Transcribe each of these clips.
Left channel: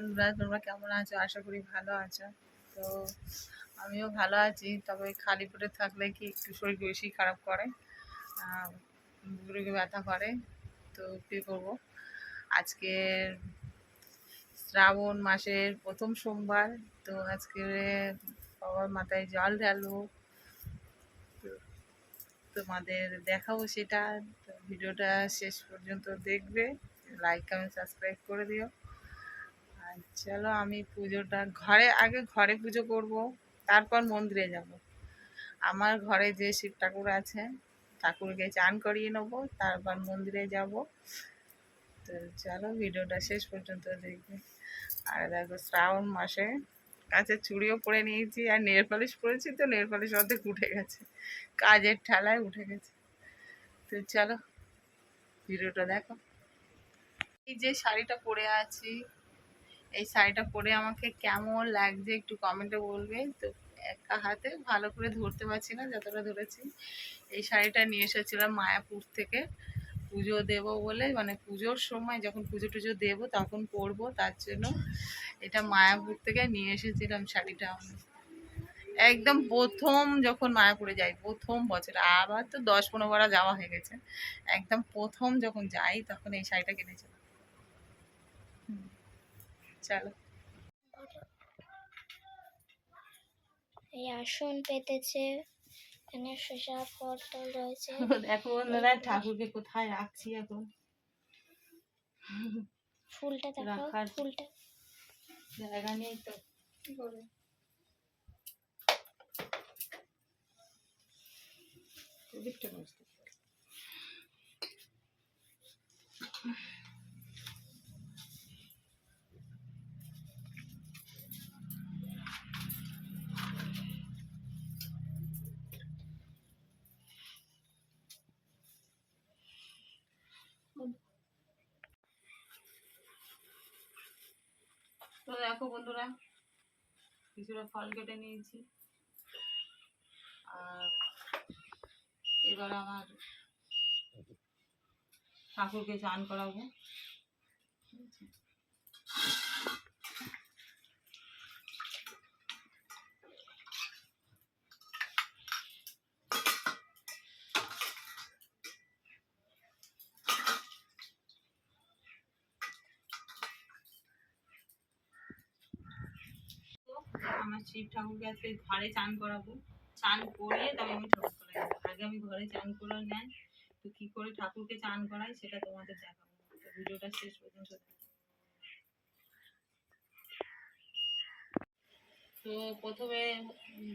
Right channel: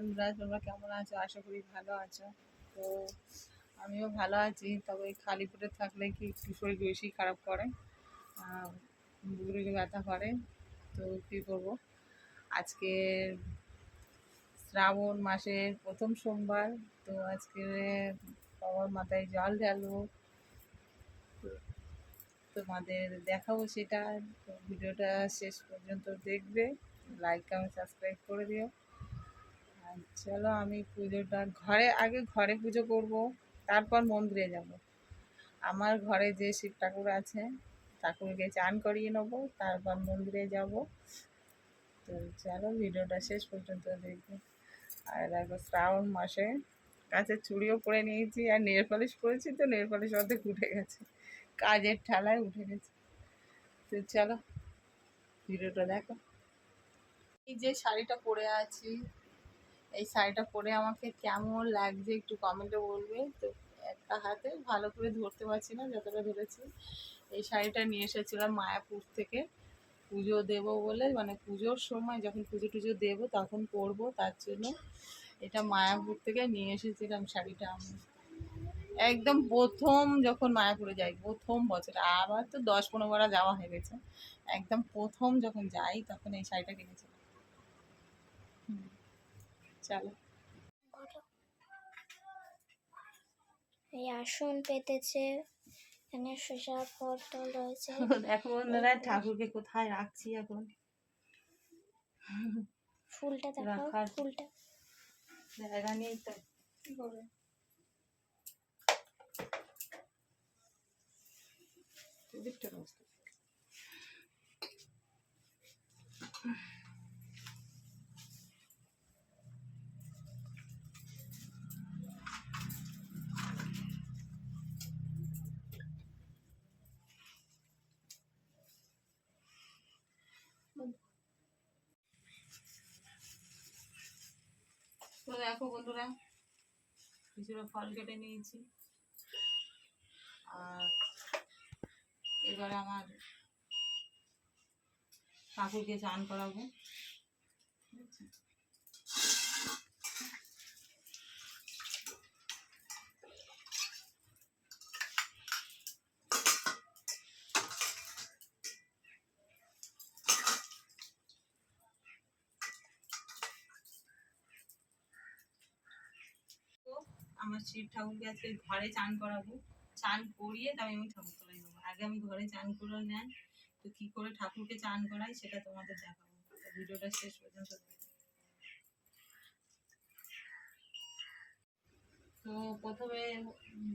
বন্ধুরা, তোমরা কেমন আছো? আশা করি ভালো আছো। তো আমিও ভালো আছি, তবে খালি পেটে থাকলে কি একটু শরীর বেশি খারাপ করে? বুকুরিকে ব্যথা করে। তো কী করব? আজকে শ্রাবণ মাসের প্রথম সোমবার, তো আজকে বাবার মাথায় জল ঢালবো। তোমাদের দেখাবো সেটা। তো ভিডিওটা শেষ পর্যন্ত দেখবে। লাইক কমেন্ট সাবস্ক্রাইব করে দিও। আর চলো আমি পুজোটা ঘরে, আগে ঘরে পুজো করব, তারপর মন্দিরে যাব। আমার ঘরে যে শিব ঠাকুর আছে, ঠাকুরকে চান করিয়ে নেব, তারপর মন্দিরে যাব। তো চলো ভিডিওটা শেষ পর্যন্ত দেখবে। আর দেখো শ্রাবণ মাসে কাছে চুড়িও পরে নিয়েছি, আর নেল পালিশ পরেছি তো, নেল পালিশ অর্ধেক উঠে গেছে। কাজের ঠালায় উঠে গেছে। তো চলো ভিডিওটা দেখো। এই যে শাড়িটা পরে আছি এই শাড়িটা পরে আমাকে কেমন লাগছে একটু কমেন্টে বলবে। তো একা হাতে ভালো করে ধরতে পারছি না, যতটা ধরেছি। এই শাড়িটা নিয়ে এসেছিলাম মায়াপুর থেকে। পুজো দেব বলে মানে পুজোর সময় যখন পুজো টুজো দেবো তখন পরবো, তার জন্য এটা মায়াপুর থেকে নিয়ে এসেছিলাম শাড়িটা আমি। একদম প্রথম যখন মায়াপুরে যাই, প্রথম বছর, আবার তো দশ পনেরো যাওয়া হয়ে গেছে। একদম প্রথম যখন যাই তখন এই শাড়িটা কিনেছিলাম। চলো। এই আসন পেতেছে। এখানে শসা পটল রয়েছে। দেখো বন্ধুরা ঠাকুরকে কোথায় রাখছি এখন? ফুলটা রাখার- ফুলটা। জায়গা নেই তো। কি করবে প্রদীপটা বসতে। তো দেখো বন্ধুরা কিছুটা ফল কেটে নিয়েছি। আর এবার আমার ঠাকুরকে চান করাবো তো আমার শিব ঠাকুরকে আজকে ঘরে চান করাবো। চান করিয়ে তবে আমি ঠাকুর করে যাব। আগে আমি ঘরে চান করে নেয় তো কি করে ঠাকুরকে চান করাই সেটা তোমাদের দেখাবো। ভিডিওটা শেষ পর্যন্ত। তো প্রথমে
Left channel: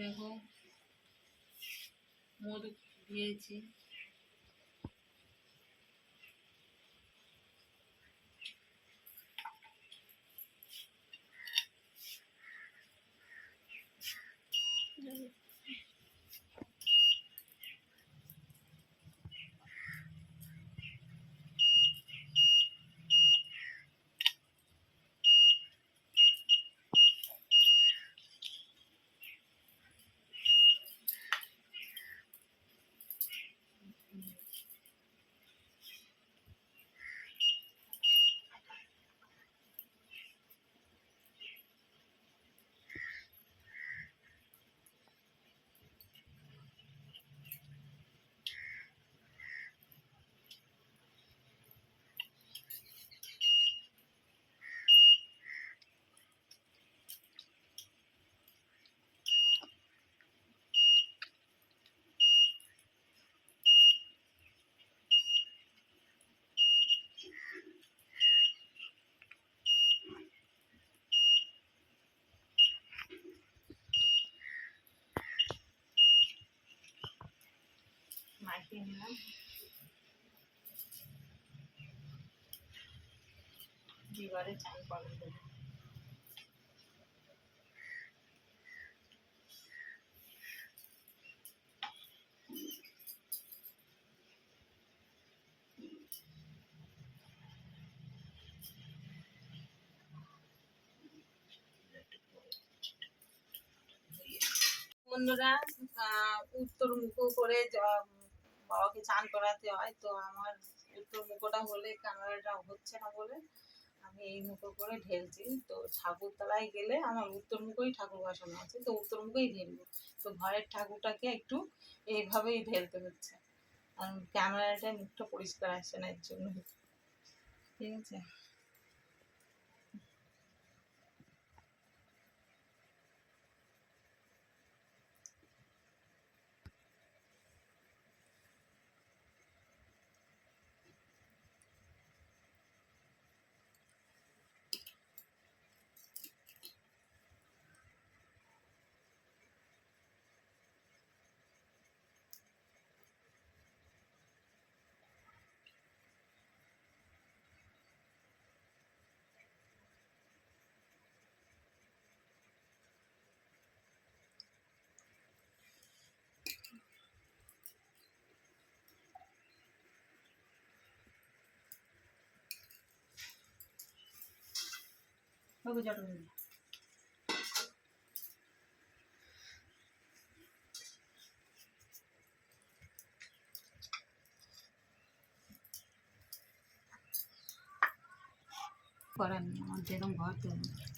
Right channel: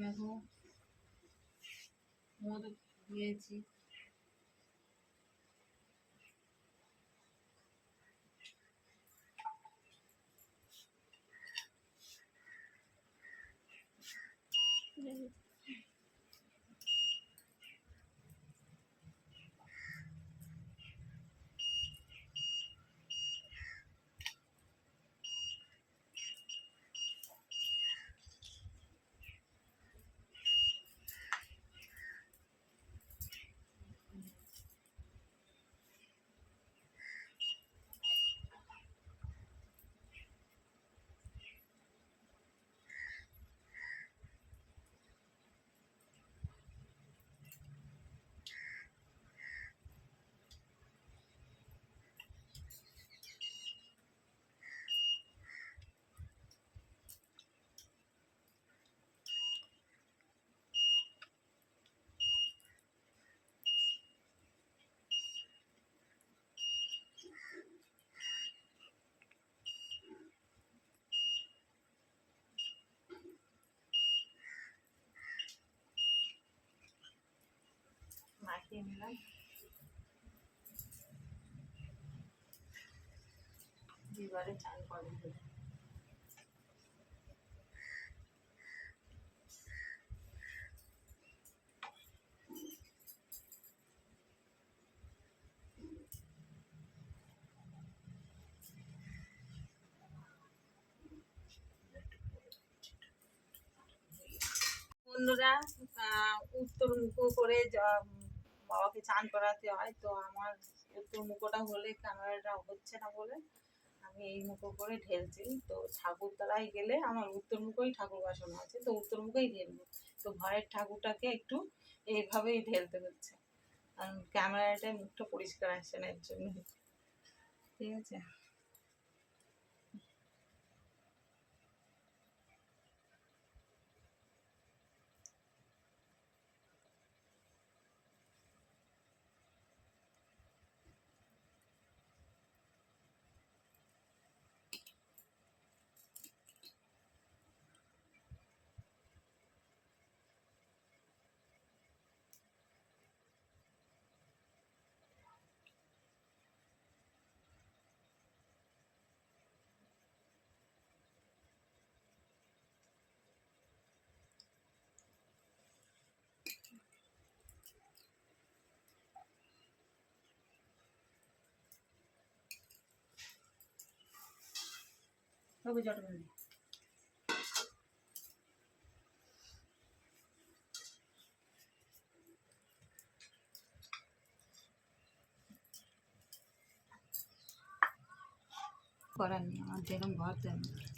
দেখো, মধু দিয়েছি। মাখিয়ে নিলাম বন্ধুরা উত্তর মুখ করে বাবাকে চান করাতে হয়, তো আমার উত্তর মুখোটা হলে ক্যামেরাটা হচ্ছে না বলে আমি এই মুখো করে ঢেলছি। তো ঠাকুরতলায় গেলে আমার উত্তর মুখেই ঠাকুর বাসনা আছে, তো উত্তর মুখেই ঢেলবো। তো ঘরের ঠাকুরটাকে একটু এইভাবেই ঢেলতে হচ্ছে। কারণ ক্যামেরাটা মুখটা পরিষ্কার আসছে না এর জন্য ঠিক আছে? জটা বন্ধু করার নেই আমার যেরকম ঘর তেমন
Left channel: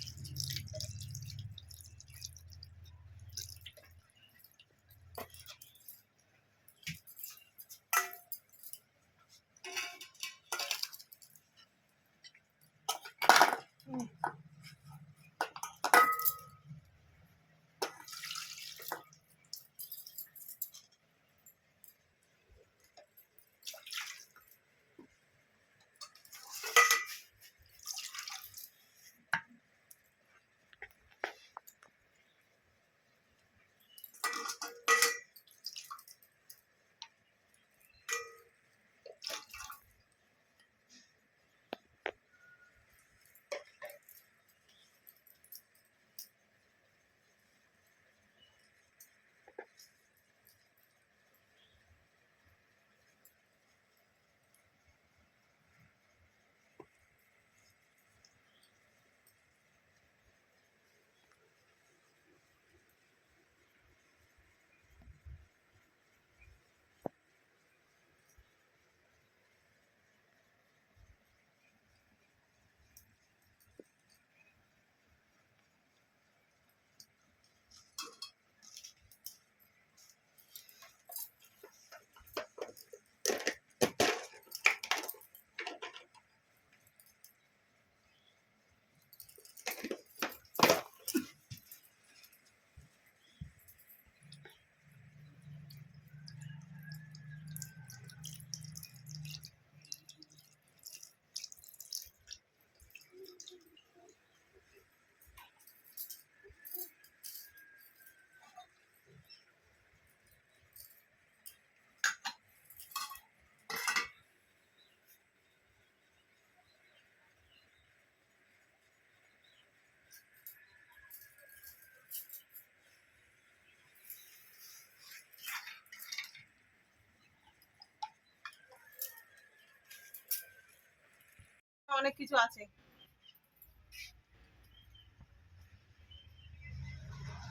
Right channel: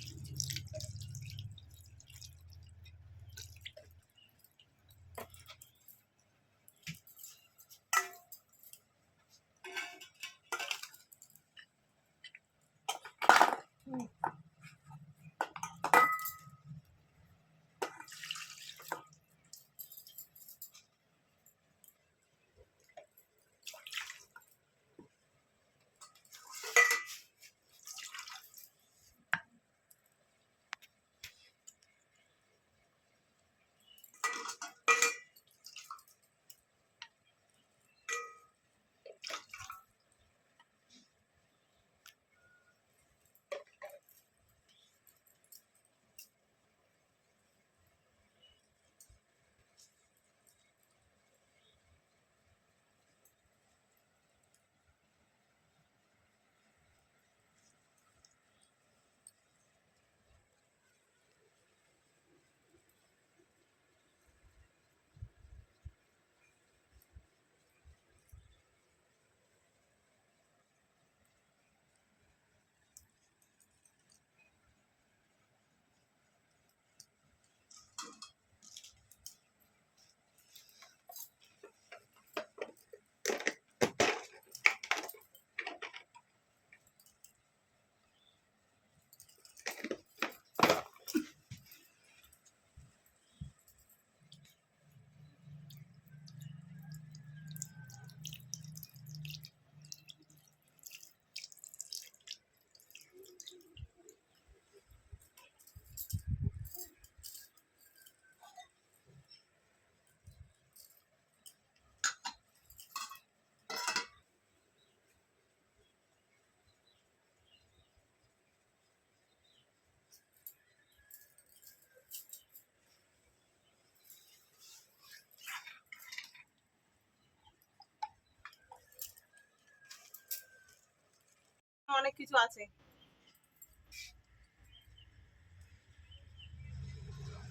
অনেক কিছু আছে।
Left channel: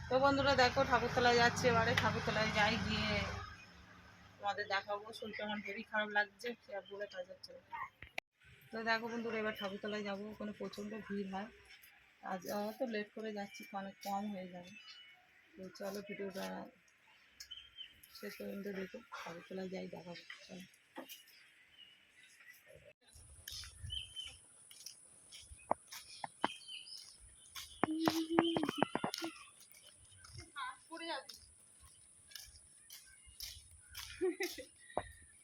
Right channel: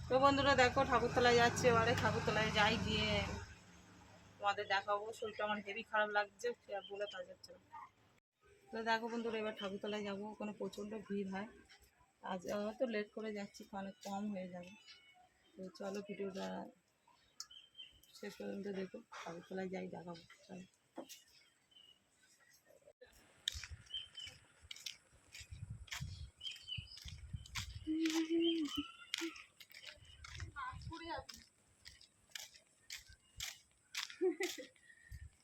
তো বন্ধুরা দেখো, ঠাকুরতলায় যাচ্ছে এবারে। ঠাকুরতলায় যাই গিয়ে তোমাদের দেখাবো। শরীরটা আমার হেভি খারাপ লাগছে আর বলে কাজ হচ্ছে। তো দেখো বন্ধুরা, এবার ঠাকুরতলায় যাব। ওখানে প্রচণ্ড ভিড় হয়। আজ তো লেট করে যাচ্ছি, অনেক কম হয়ে যাবে। তো চলো ভিডিওটা শেষ পর্যন্ত দেখো। ঠাকুরতলায় যাই, দেখাবো। চলো।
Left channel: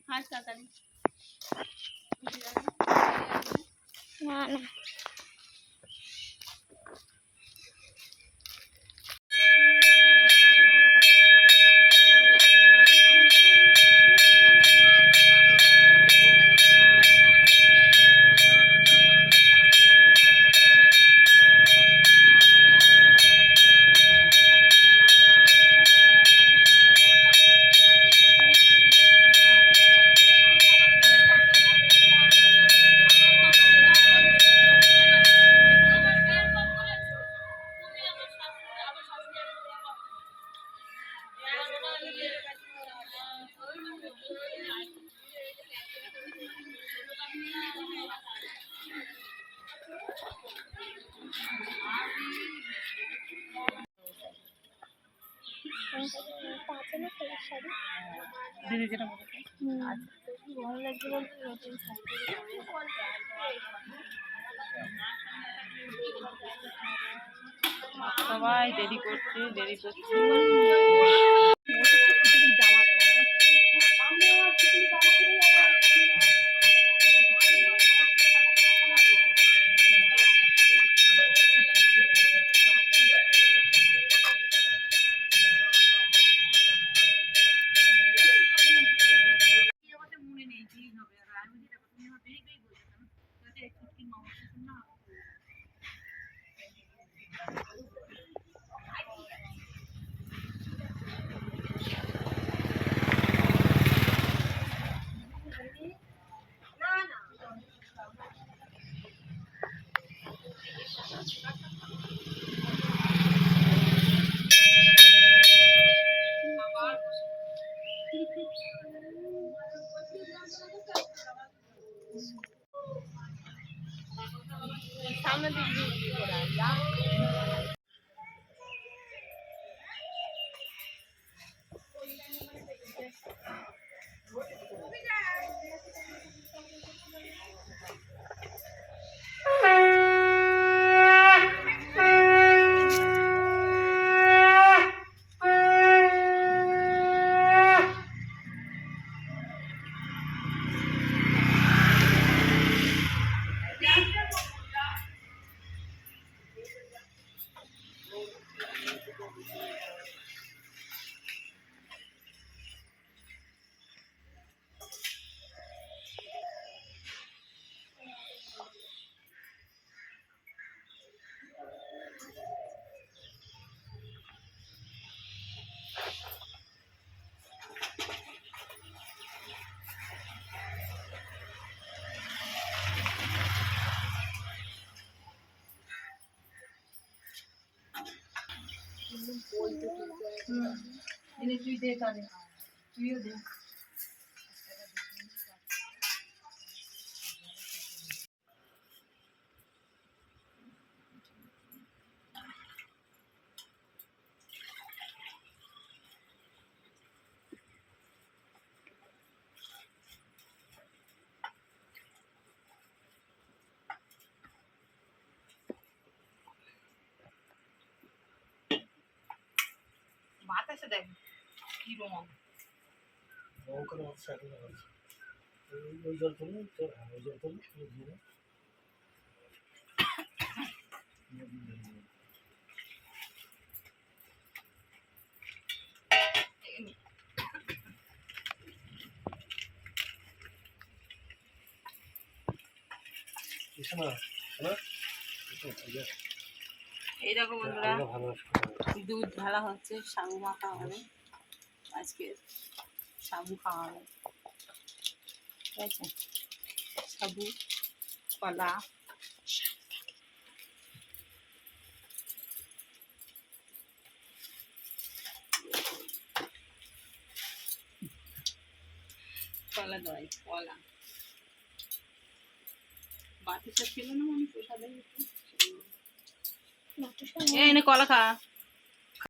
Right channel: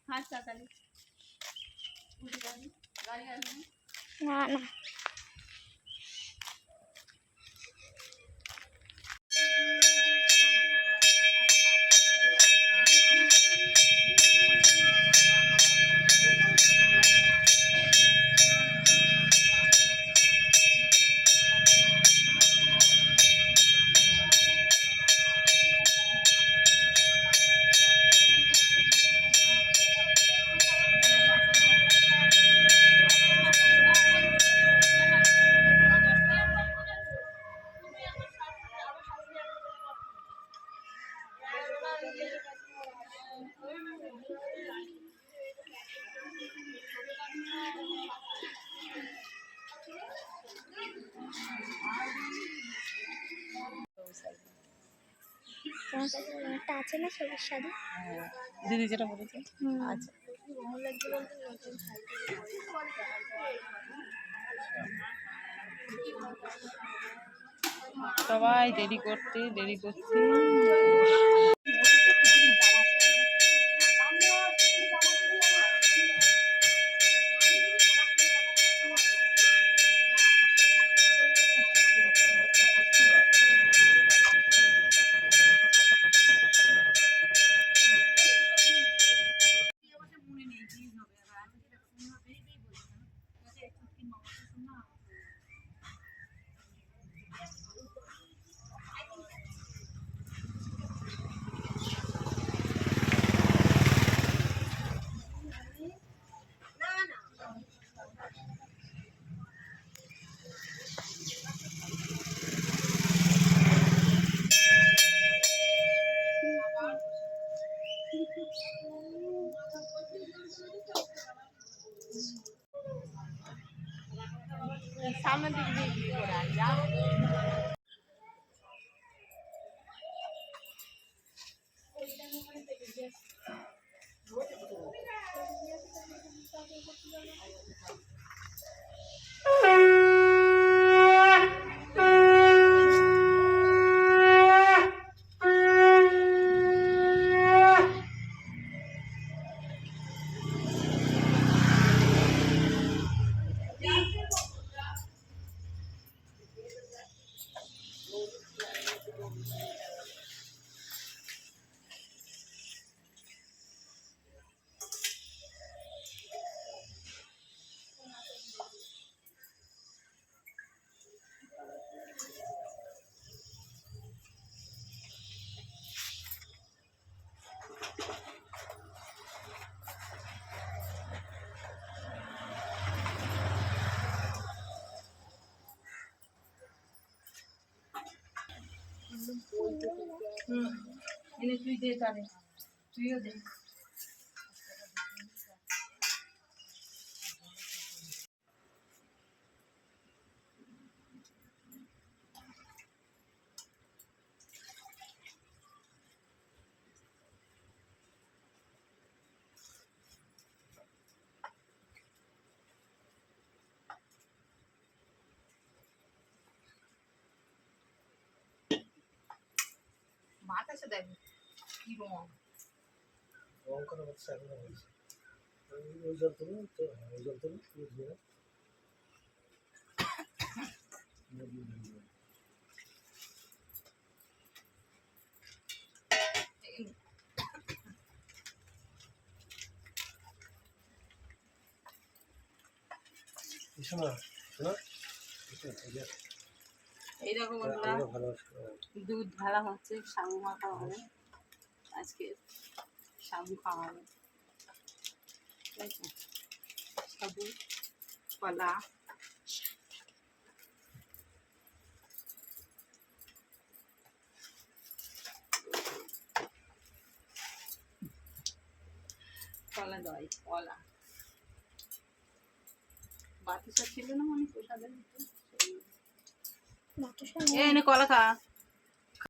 হাত তাড়াতাড়ি না না। একটা আছে না সবুজ শাড়ি? দিদি যেটা বলেছে। আচ্ছা। ভালো লাগছে বলতে নতুন সবাই দেরি করতে দেরি করছে। সামনের দিক দিয়ে কি করে যা তুই দে তাহলে। তুইও দে। বাতাসে দেখ কি রং ওখানে হচ্ছে এখন ওই- জল ওই জল। এই দেখো বন্ধুরা। ভালোবাসি দুধ ঢালা হচ্ছে সাবু মাখা হবে আজকে সাবু খাওয়া হবে ঠিক আছে? সাবু কলা। কলা দই কলা। বাতি সব ছিল না মানে প্রসাদের ভিতরে? এই এনে কলা খা।